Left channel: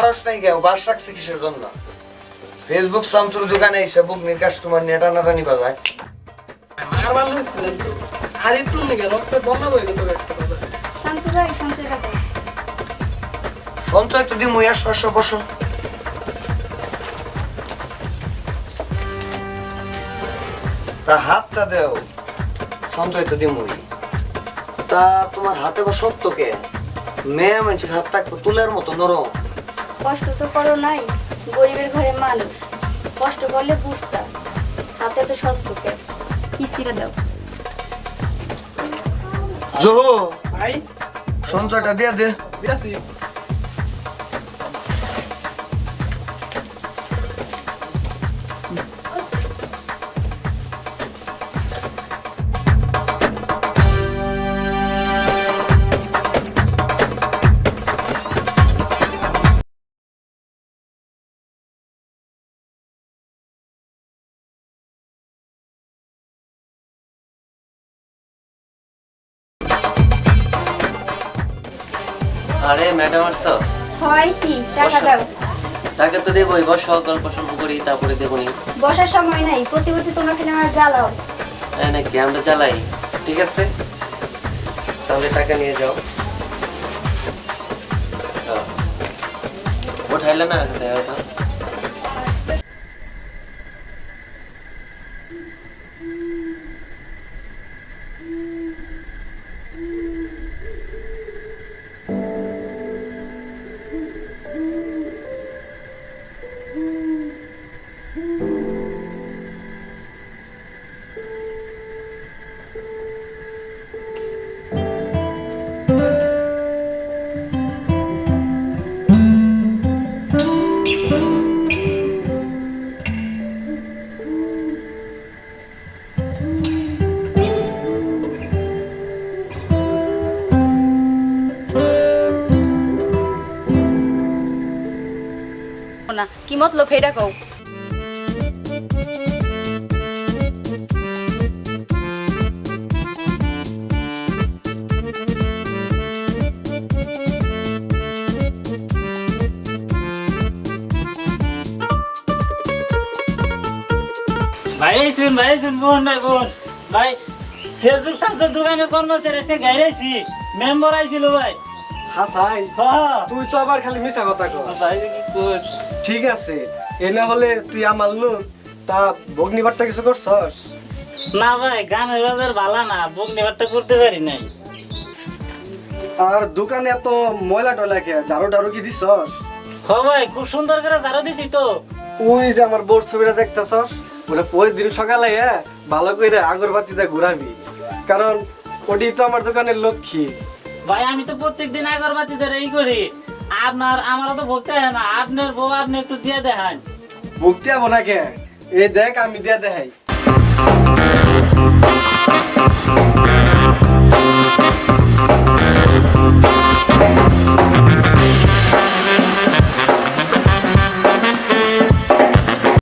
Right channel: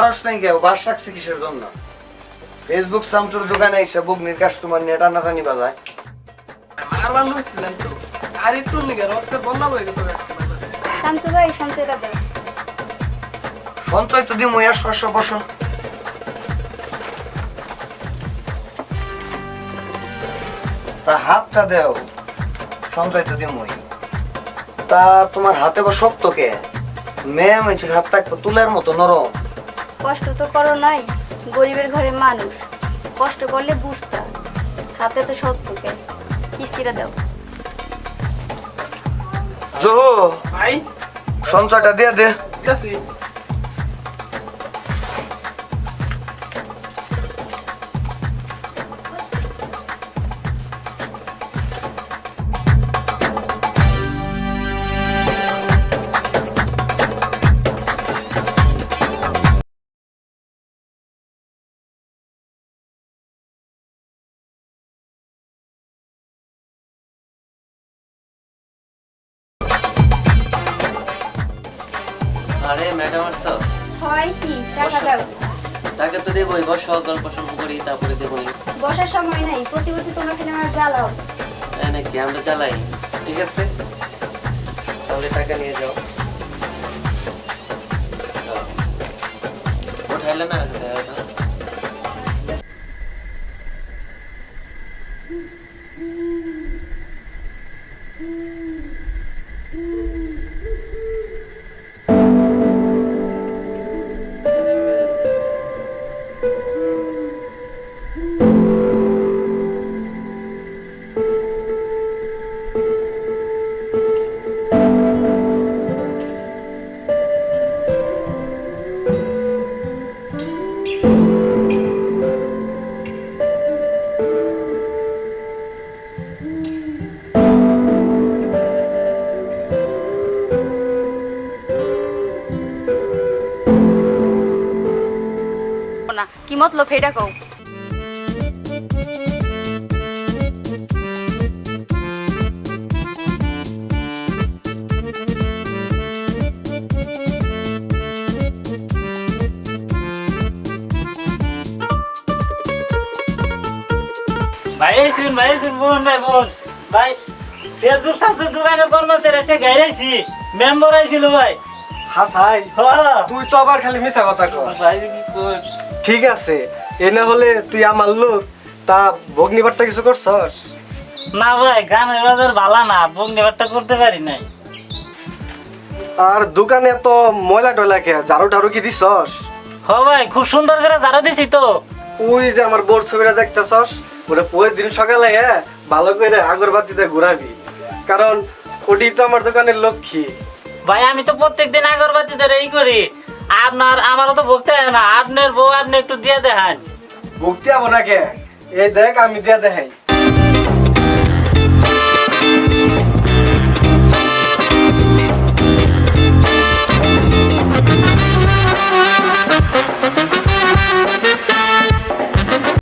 সাহস নাই কেউ বাস রাখছে কিসের জন্য? ফেসবুক সামতুর দোকানে এসে বুকনির কাস্টমার নিয়ে টানাটানি বাজায়। আর একটু বন্ধ হয়ে গেছে শান্ত ভাই সঞ্চয় তো দিমু আর শস্য বসো। তা হাতটা দেও সঞ্চয় তো দিমুই। তা তোমার হাতে বা শক্ত কে মেয়ে মানুষের হাতটা একটু তুলার মতো নরম। কষ্ট তো করো নাই গরিবের ঘরে মানুষ। কষ্ট করলে বুঝতাম হাতে তো সব থেকে কিস্তিটা দাও। জো ভাই। সঞ্চয়টা দিয়ে দে। দিয়েছি। আরে ম্যাডাম আসছো হয়েছি টাকা দাও। টাকা তো দেবোই বস গল্প সল্প করি তারপরে দেবো নি বসার সময় নাই প্রতি প্রতি তোমরা খেলে আমার জ্বালাও। তাই নাকি? আমরা চালাই ঠিক আছে? তাহলে টাকা নিয়ে যাও। উঠাইলে না? দেওয়াটা না। কি মতলব এটা কও। ফেসবুক সামসুর দোকানের কর্মচারী আছে গাইরাইছি। মেম্বার আইছিল ভাই। হাসাই হ্যাঁ। তুই তো আবার খালি মিছা কথা কর ভাই ঠিক আছে এ না হলে তুই আমার লোক তা ভগ্নিবারটা কিছু করছস? না ভাই গানের বাজার ভালো না বগনিবারটা করতে পারি নাই। আর দোকানে তো ময়লা টয়লা খেয়ে ঝাড়ু টাড়ু কি দিছস? হ ভাই খুব সুন্দর করে জারো দিছি তো। ওই যে আমার বোর ছবিটা দেখতেছস ওটা পরের দিন সকালে হ্যাঁ ভালো করে আগরবাতিতে ঘুরাবি। কারণ ওটি তো আমার দোকানের লক্ষ্মী। ভাই, আমি তো প্রত্যেকদিন আগরবাতি ধরে এই করি। আপনার, আমারও তো ভক্তি হয় না। আপনার বউ আপনি একটু দিয়ে দেখান। ভুগতে আবো নাকি? এই দেখ, আমি দিয়ে দেখাই।